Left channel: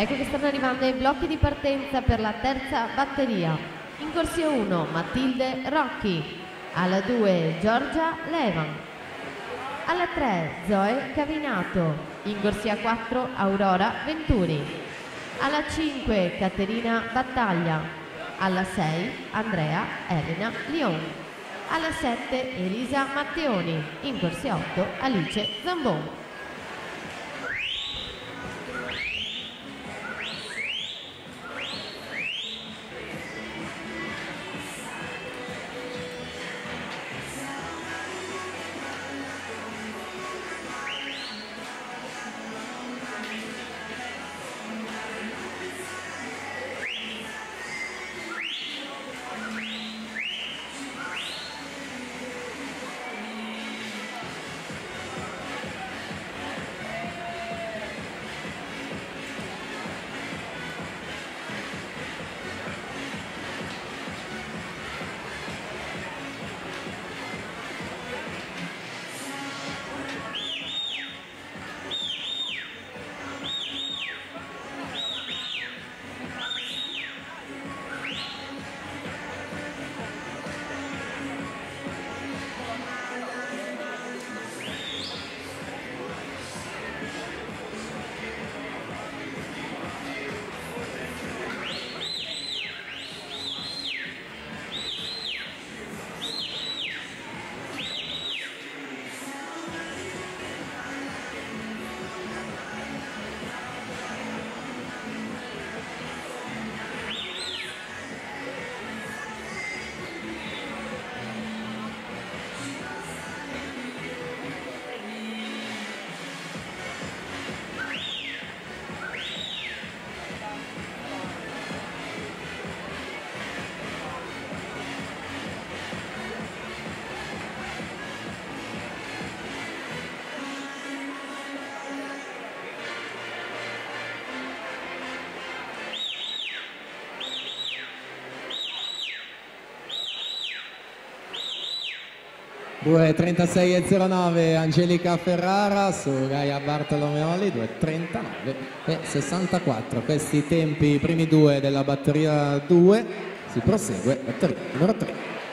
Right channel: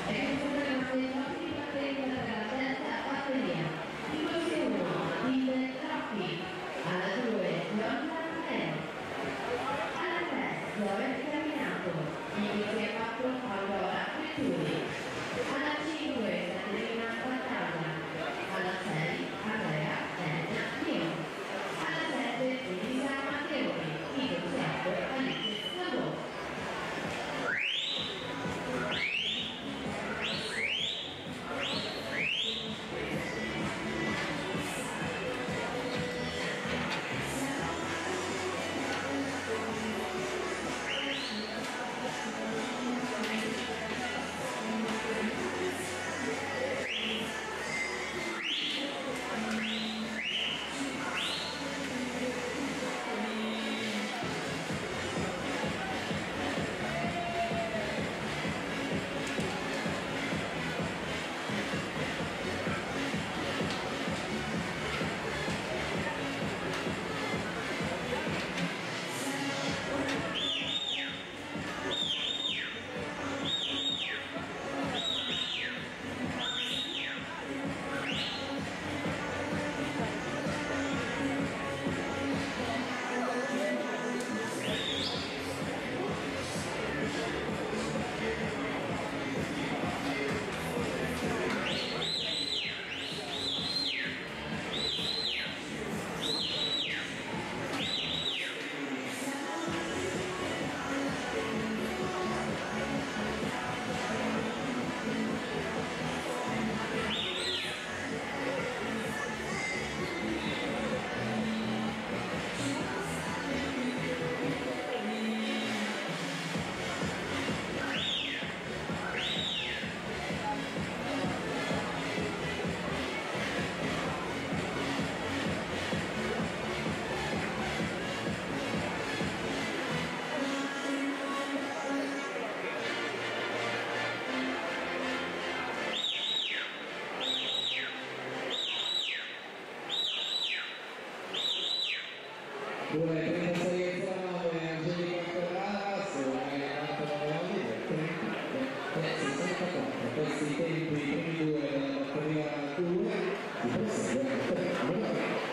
Ecco che stanno arrivando i blocchi di partenza per la terza batteria. In corsia 1 Matilde Rocchi, alla 2 Giorgia Levan, alla 3 Zoe Cavinato, in corsia 4 Aurora Venturi, alla 5 Caterina Battaglia, alla 6 Andrea Elena Lion, alla 7 Elisa Matteoni, in corsia 8 Alice Zambon. Due 36,09 Angelica Ferrara su Gaia Bartolomeoli, 2,39 e 64. Questi tempi, i primi due della batteria 2, si prosegue batteria numero 3.